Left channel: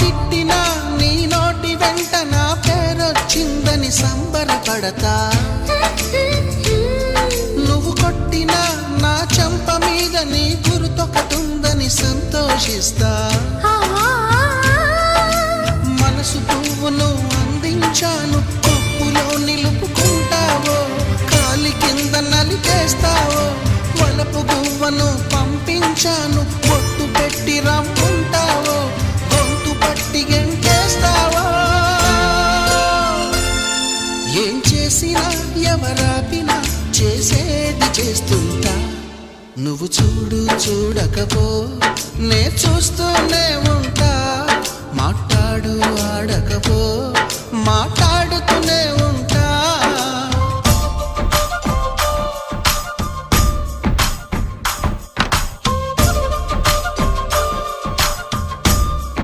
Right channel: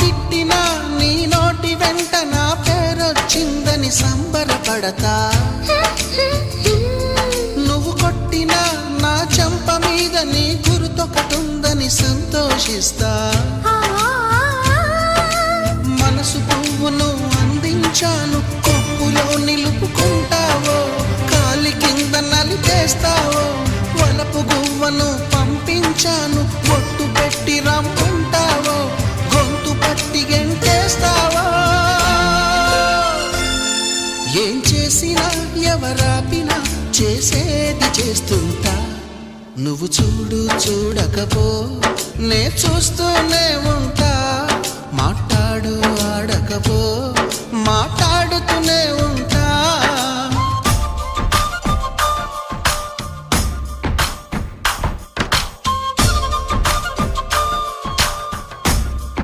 తిట్టినా నీ నోటి వెంట నా పేరొచ్చిందని సంబరపడతా. నువ్వు కొట్టినా నా చెంప మీద నీ గురుతొకటుందని సంతోషిస్తా. మనసు పువ్వును అందించాను, కొప్పులో నిలుపుకుంటావో, కాలి కింద నలిపేస్తావో. వలపు గువ్వను పంపించాను, బొట్టు పెట్టి రమ్ముంటావో, గొంతు పట్టి గెంటేస్తావో. ఏం చేసినా ఎవరాపినా చేసేది చేస్తుంటా. నువ్వు చూడు చూడకపో నే చూస్తూనే ఉంటా. మాట్లాడు ఆడకపో మాట్లాడుతూనే ఉంటా.